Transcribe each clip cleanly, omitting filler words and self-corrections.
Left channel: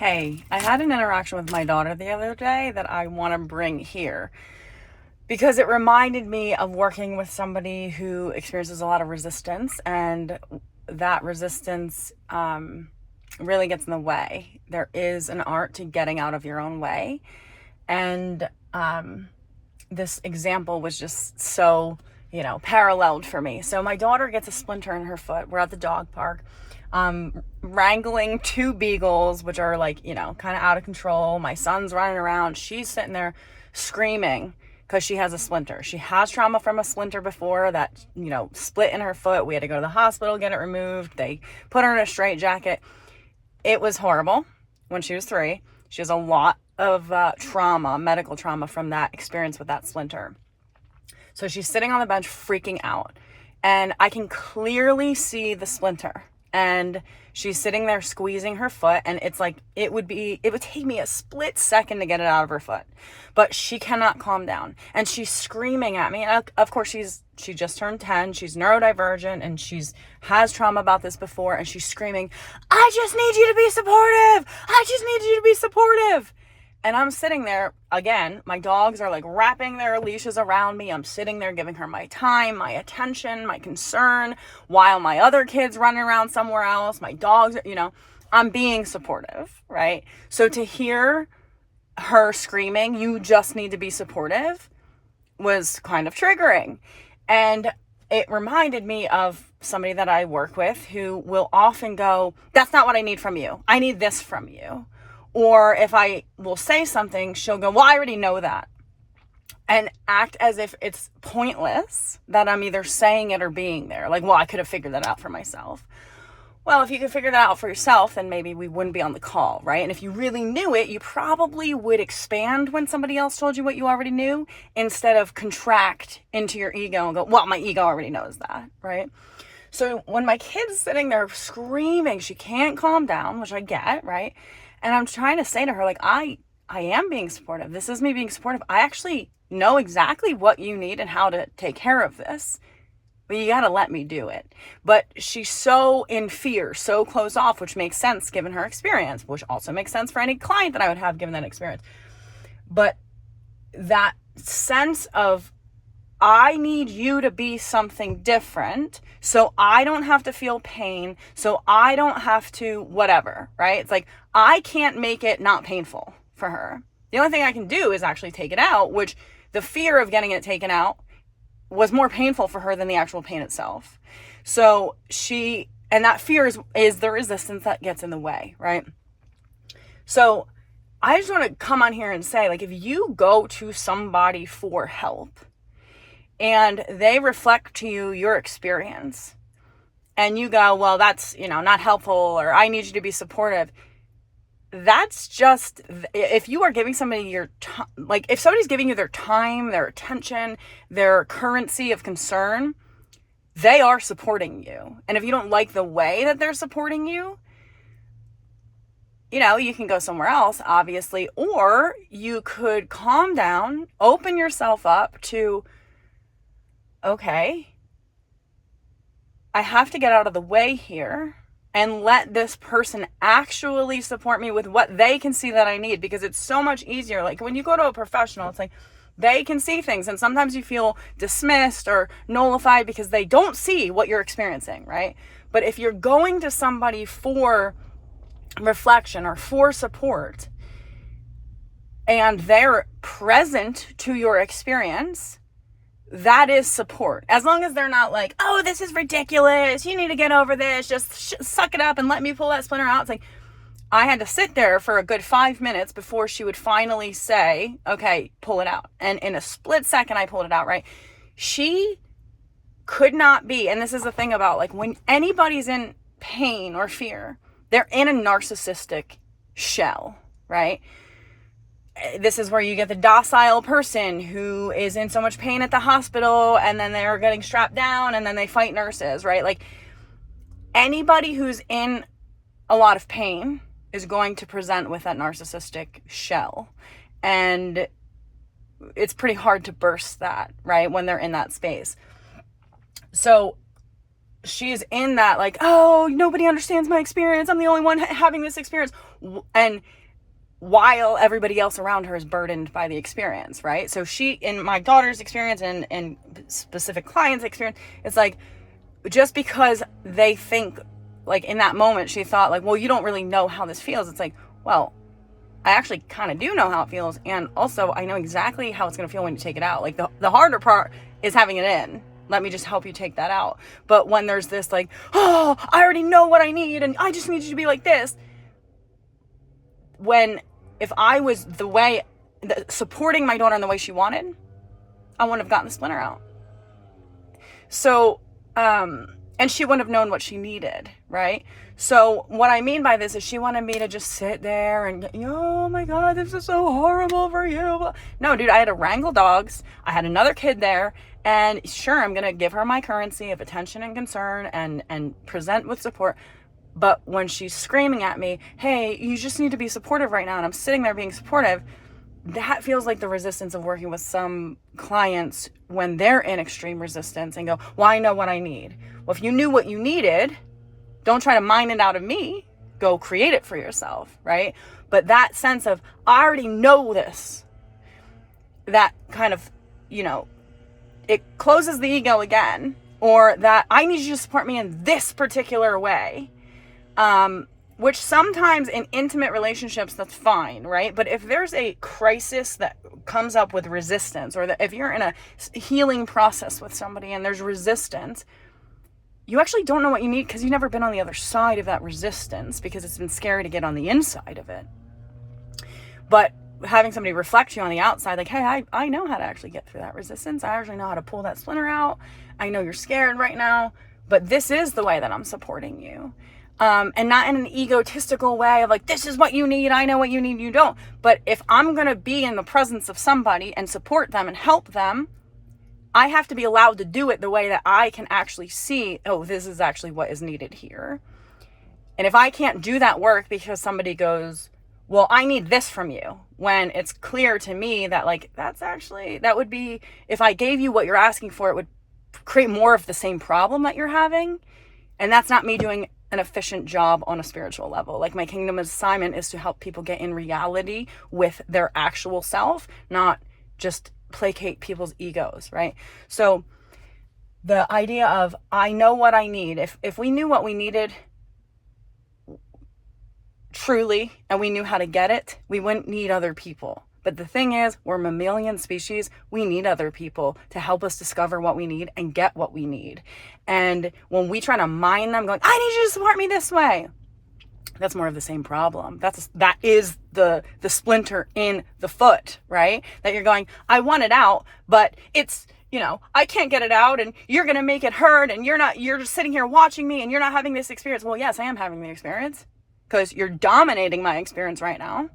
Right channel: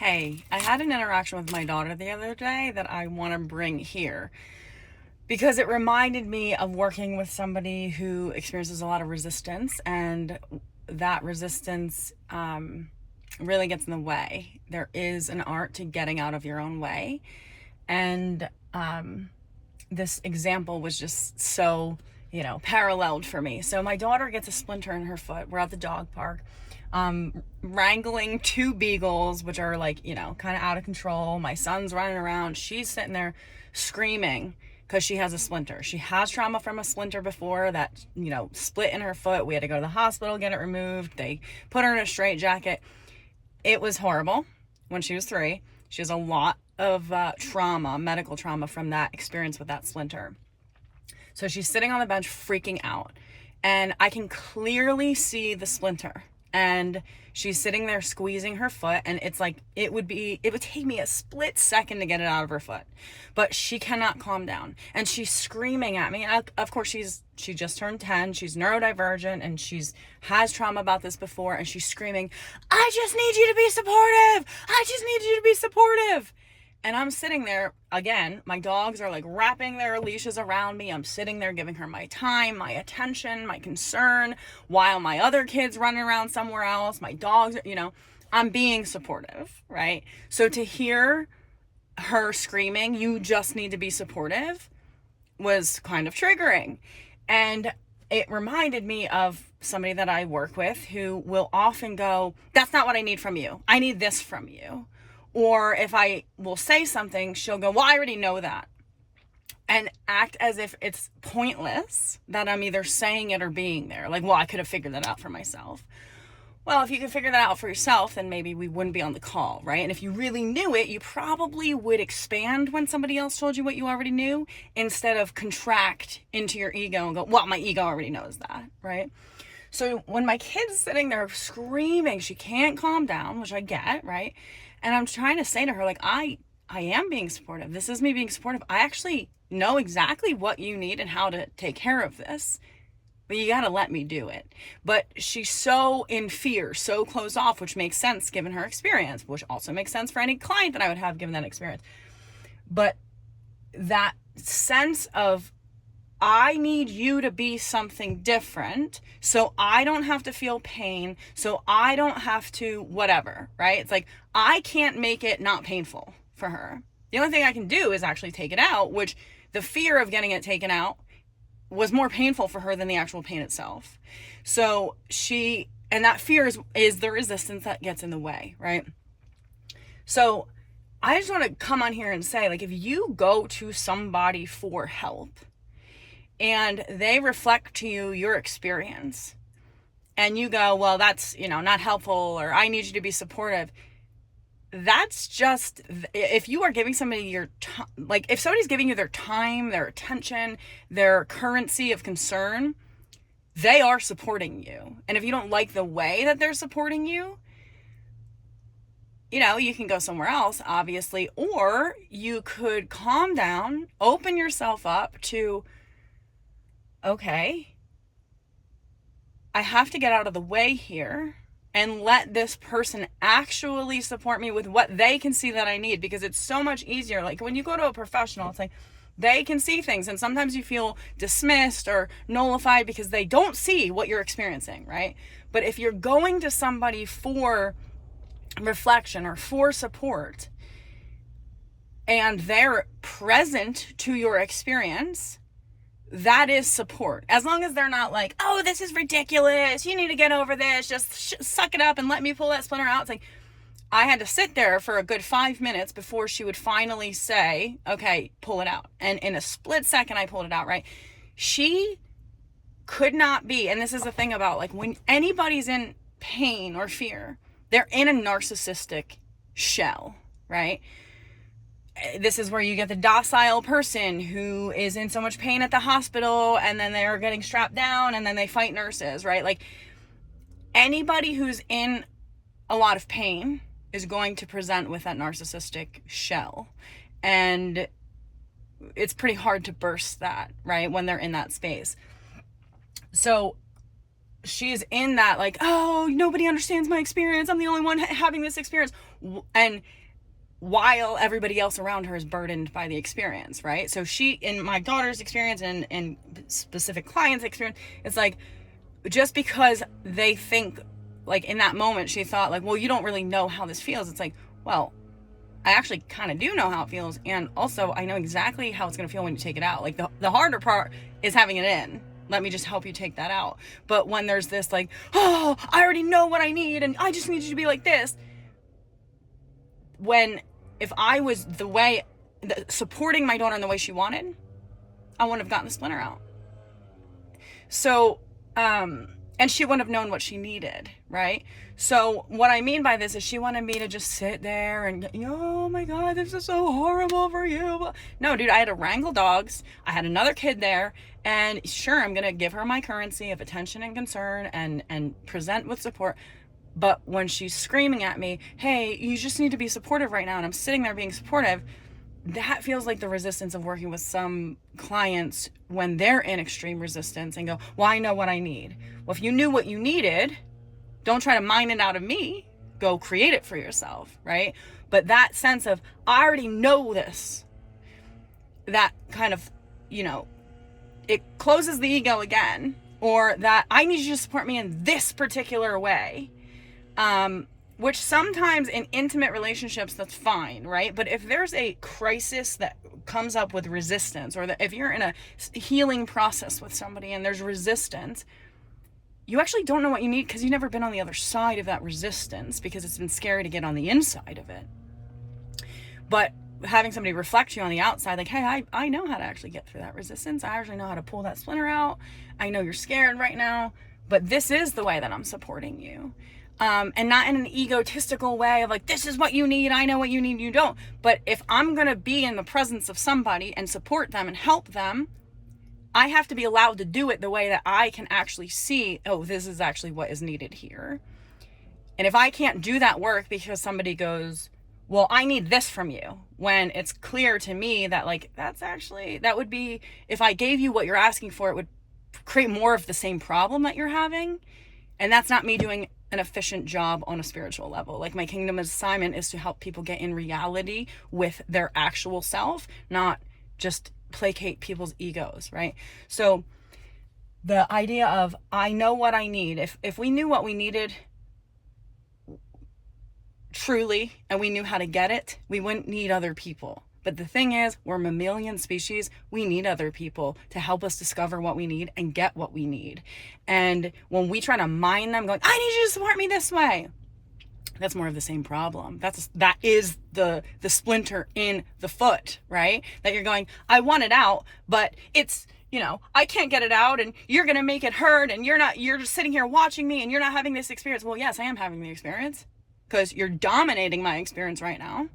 Hey, I had an interaction with my daughter the other day that I want to bring here because it reminded me of working with somebody who experiences a lot of resistance, and that resistance really gets in the way. There is an art to getting out of your own way, and this example was just so, paralleled for me. So my daughter gets a splinter in her foot. We're at the dog park. Wrangling two beagles, which are kind of out of control. My son's running around. She's sitting there screaming because she has a splinter. She has trauma from a splinter before that, split in her foot. We had to go to the hospital, get it removed. They put her in a straitjacket. It was horrible when she was 3. She has a lot of trauma, medical trauma from that experience with that splinter. So she's sitting on the bench freaking out, and I can clearly see the splinter. And she's sitting there squeezing her foot, and it's like it would take me a split second to get it out of her foot, but she cannot calm down, and she's screaming at me. And of course she just turned 10, she's neurodivergent, and has trauma about this before, and she's screaming, I just need you to be supportive, I just need you to be supportive. And I'm sitting there, again, my dogs are like wrapping their leashes around me. I'm sitting there giving her my time, my attention, my concern, while my other kids running around somewhere else. My dogs, I'm being supportive, right? So to hear her screaming, you just need to be supportive, was kind of triggering. And it reminded me of somebody that I work with who will often go, that's not what I need from you. I need this from you. Or if I will say something, she'll go, well, I already know that. And act as if it's pointless that I'm either saying it or being there. Like, well, I could have figured that out for myself. Well, if you could figure that out for yourself, then maybe we wouldn't be on the call, right? And if you really knew it, you probably would expand when somebody else told you what you already knew, instead of contract into your ego and go, well, my ego already knows that, right? So when my kid's sitting there screaming, she can't calm down, which I get, right? And I'm trying to say to her, like, I am being supportive. This is me being supportive. I actually know exactly what you need and how to take care of this, but you got to let me do it. But she's so in fear, so closed off, which makes sense given her experience, which also makes sense for any client that I would have given that experience. But that sense of, I need you to be something different so I don't have to feel pain, so I don't have to whatever, right? It's like, I can't make it not painful for her. The only thing I can do is actually take it out, which the fear of getting it taken out was more painful for her than the actual pain itself. So and that fear is the resistance that gets in the way, right? So I just want to come on here and say, like, if you go to somebody for help, and they reflect to you your experience, and you go, well, that's, not helpful, or I need you to be supportive. That's just, if you are giving somebody if somebody's giving you their time, their attention, their currency of concern, they are supporting you. And if you don't like the way that they're supporting you, you can go somewhere else, obviously, or you could calm down, open yourself up to, okay, I have to get out of the way here and let this person actually support me with what they can see that I need, because it's so much easier. Like when you go to a professional, it's like they can see things, and sometimes you feel dismissed or nullified because they don't see what you're experiencing, right? But if you're going to somebody for reflection or for support, and they're present to your experience, that is support. As long as they're not like, oh, this is ridiculous, you need to get over this, just suck it up and let me pull that splinter out. It's like, I had to sit there for a good 5 minutes before she would finally say, okay, pull it out. And in a split second, I pulled it out, right? She could not be, and this is the thing about, like, when anybody's in pain or fear, they're in a narcissistic shell, right? This is where you get the docile person who is in so much pain at the hospital, and then they're getting strapped down, and then they fight nurses, right? Like, anybody who's in a lot of pain is going to present with that narcissistic shell. And it's pretty hard to burst that, right? When they're in that space. So she's in that, like, oh, nobody understands my experience, I'm the only one having this experience. And while everybody else around her is burdened by the experience, right? So she, in my daughter's experience and specific clients' experience, it's like, just because they think, like in that moment, she thought like, well, you don't really know how this feels. It's like, well, I actually kind of do know how it feels. And also I know exactly how it's going to feel when you take it out. Like the harder part is having it in. Let me just help you take that out. But when there's this like, oh, I already know what I need and I just need you to be like this. If I was supporting my daughter in the way she wanted, I wouldn't have gotten the splinter out. So, and she wouldn't have known what she needed, right? So what I mean by this is she wanted me to just sit there and, oh my God, this is so horrible for you. No, dude, I had to wrangle dogs. I had another kid there. And sure, I'm going to give her my currency of attention and concern and present with support. But when she's screaming at me, hey, you just need to be supportive right now, and I'm sitting there being supportive, that feels like the resistance of working with some clients when they're in extreme resistance and go, well, I know what I need. Well, if you knew what you needed, don't try to mine it out of me. Go create it for yourself, right? But that sense of, I already know this, that kind of, it closes the ego again, or that I need you to support me in this particular way. Which sometimes in intimate relationships, that's fine, right? But if there's a crisis that comes up with resistance, or that if you're in a healing process with somebody and there's resistance, you actually don't know what you need because you've never been on the other side of that resistance because it's been scary to get on the inside of it. But having somebody reflect you on the outside, like, hey, I know how to actually get through that resistance. I actually know how to pull that splinter out. I know you're scared right now, but this is the way that I'm supporting you. And not in an egotistical way of like, this is what you need, I know what you need, you don't. But if I'm going to be in the presence of somebody and support them and help them, I have to be allowed to do it the way that I can actually see, oh, this is actually what is needed here. And if I can't do that work because somebody goes, well, I need this from you, when it's clear to me that like, that would be, if I gave you what you're asking for, it would create more of the same problem that you're having. And that's not me doing an efficient job on a spiritual level. Like, my kingdom assignment is to help people get in reality with their actual self, not just placate people's egos, right? So the idea of, I know what I need. If we knew what we needed truly, and we knew how to get it, we wouldn't need other people. But the thing is, we're a mammalian species. We need other people to help us discover what we need and get what we need. And when we try to mine them, going, I need you to support me this way, that's more of the same problem. That is the splinter in the foot, right? That you're going, I want it out, but it's, I can't get it out, and you're going to make it hurt, and you're just sitting here watching me, and you're not having this experience. Well, yes, I am having the experience, because you're dominating my experience right now.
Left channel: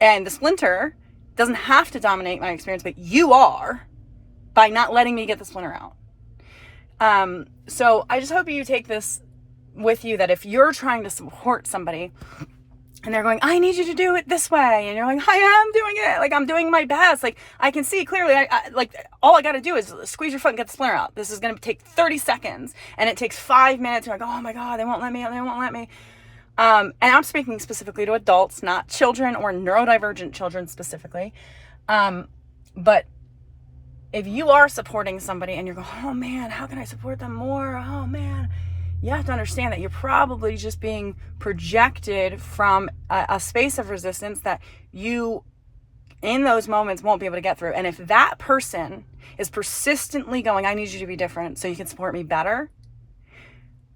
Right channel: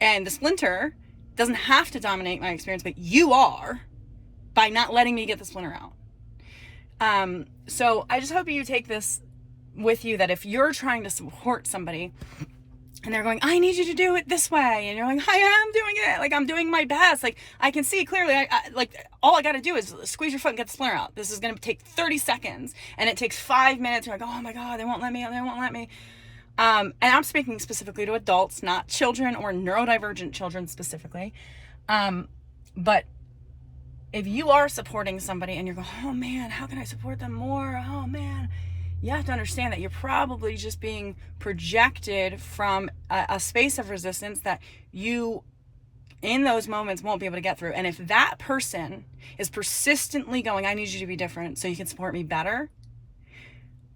And the splinter doesn't have to dominate my experience, but you are, by not letting me get the splinter out. So I just hope you take this with you, that if you're trying to support somebody and they're going, I need you to do it this way, and you're like, I am doing it, like, I'm doing my best, like, I can see clearly, I like, all I got to do is squeeze your foot and get the splinter out. This is going to take 30 seconds and it takes 5 minutes. You're like, oh my God, they won't let me. And I'm speaking specifically to adults, not children or neurodivergent children specifically. But if you are supporting somebody and you're going, oh man, how can I support them more? Oh man, you have to understand that you're probably just being projected from a space of resistance that you, in those moments, won't be able to get through. And if that person is persistently going, I need you to be different so you can support me better,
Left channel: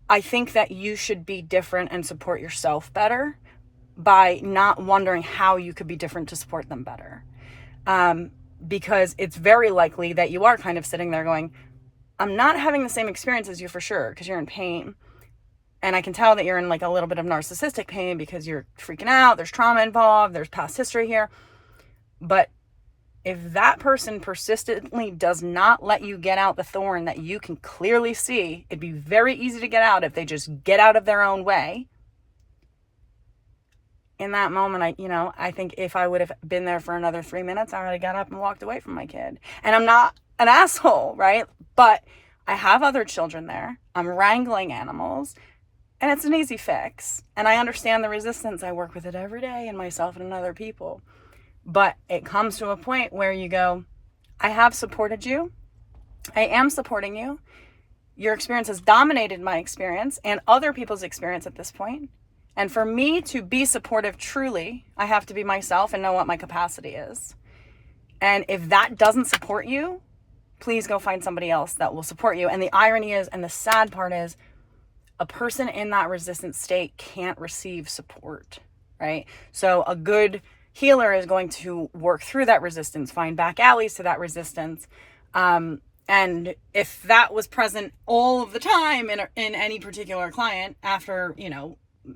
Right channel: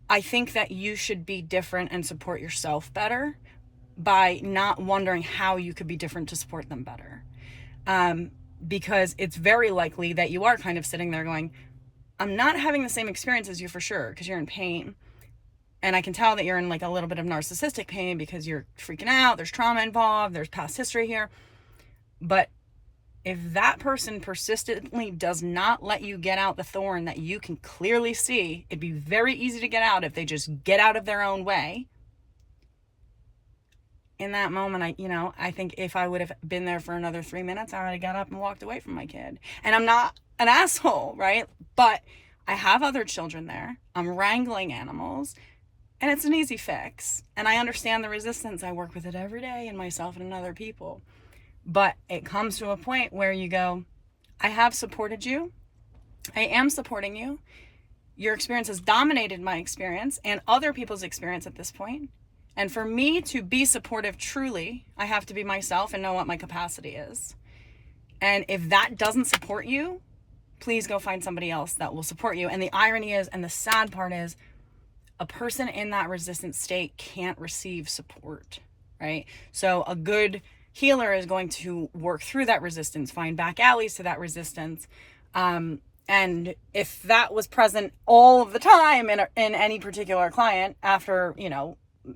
I think that you should be different and support yourself better by not wondering how you could be different to support them better. Because it's very likely that you are kind of sitting there going, I'm not having the same experience as you for sure, because you're in pain. And I can tell that you're in like a little bit of narcissistic pain because you're freaking out. There's trauma involved. There's past history here. But if that person persistently does not let you get out the thorn that you can clearly see, it'd be very easy to get out if they just get out of their own way. In that moment, I think if I would have been there for another 3 minutes, I would have got up and walked away from my kid. And I'm not an asshole, right? But I have other children there. I'm wrangling animals. And it's an easy fix. And I understand the resistance. I work with it every day in myself and in other people. But it comes to a point where you go, I have supported you. I am supporting you. Your experience has dominated my experience and other people's experience at this point. And for me to be supportive truly, I have to be myself and know what my capacity is. And if that doesn't support you, please go find somebody else that will support you. And the irony is, and the sad part is, a person in that resistant state can't receive support, right? So a good healer is going to work through that resistance, find back alleys to that resistance. And if that was present all of the time in any particular client after,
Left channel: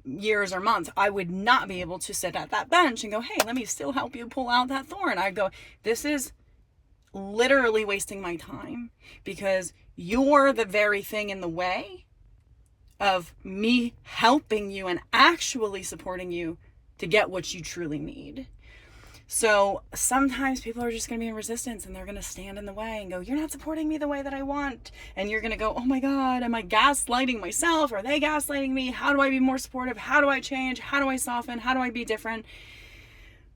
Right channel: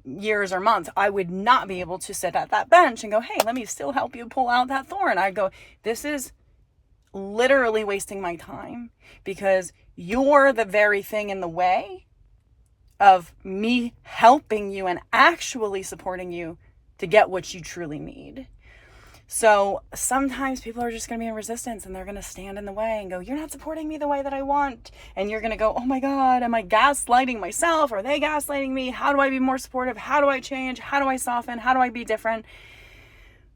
years or months, I would not be able to sit at that bench and go, hey, let me still help you pull out that thorn. I'd go, this is literally wasting my time because you're the very thing in the way of me helping you and actually supporting you to get what you truly need. So sometimes people are just going to be in resistance and they're going to stand in the way and go, you're not supporting me the way that I want. And you're going to go, oh my God, am I gaslighting myself? Are they gaslighting me? How do I be more supportive? How do I change? How do I soften? How do I be different?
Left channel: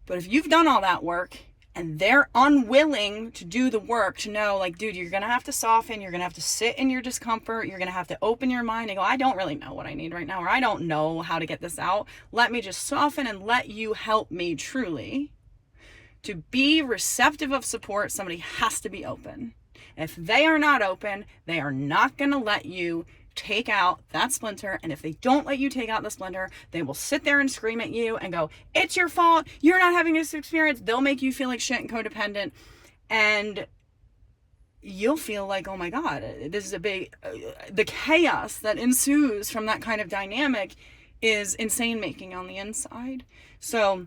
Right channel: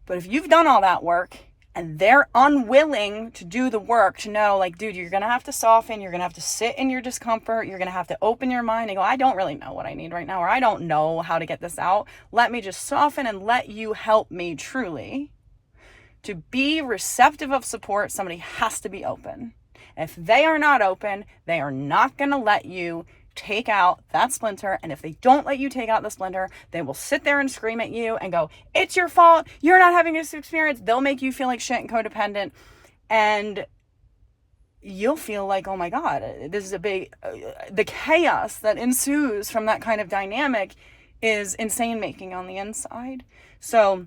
But if you've done all that work and they're unwilling to do the work, to know, like, dude, you're going to have to soften. You're going to have to sit in your discomfort. You're going to have to open your mind and go, I don't really know what I need right now, or I don't know how to get this out. Let me just soften and let you help me truly. To be receptive of support, somebody has to be open. If they are not open, they are not going to let you take out that splinter. And if they don't let you take out the splinter, they will sit there and scream at you and go, it's your fault. You're not having this experience. They'll make you feel like shit and codependent. And you'll feel like, oh my God, this is a big, the chaos that ensues from that kind of dynamic is insane making on the inside. So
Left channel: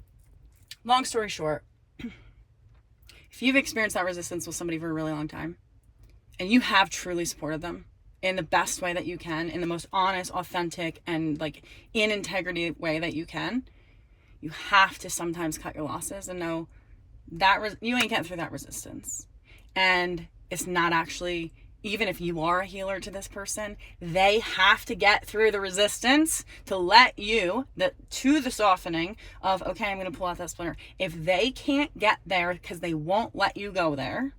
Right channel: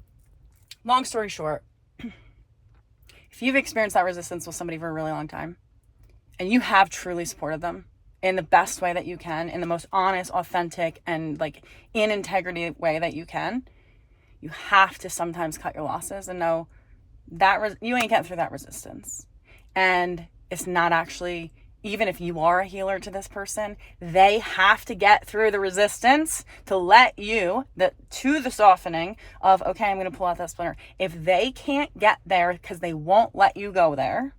long story short, if you've experienced that resistance with somebody for a really long time and you have truly supported them in the best way that you can, in the most honest, authentic, and like in integrity way that you can, you have to sometimes cut your losses and know that you ain't getting through that resistance. And it's not actually, even if you are a healer to this person, they have to get through the resistance to let you, to the softening of, okay, I'm going to pull out that splinter. If they can't get there because they won't let you go there,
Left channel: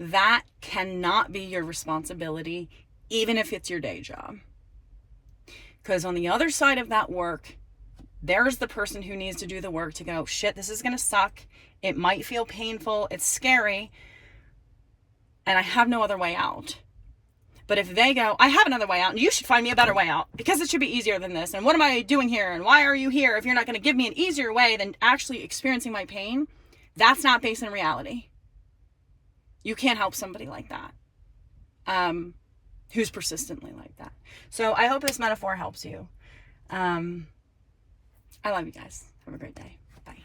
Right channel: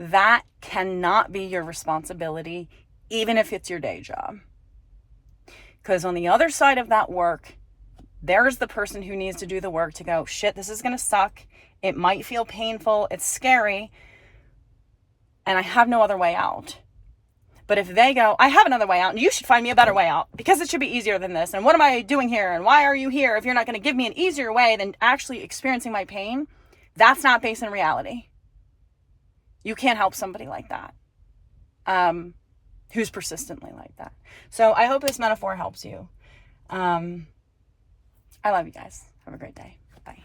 that cannot be your responsibility, even if it's your day job. Because on the other side of that work, there's the person who needs to do the work to go, shit, this is going to suck. It might feel painful. It's scary. And I have no other way out. But if they go, I have another way out, and you should find me a better way out because it should be easier than this. And what am I doing here? And why are you here if you're not going to give me an easier way than actually experiencing my pain? That's not based in reality. You can't help somebody like that, who's persistently like that. So I hope this metaphor helps you. I love you guys. Have a great day. Bye.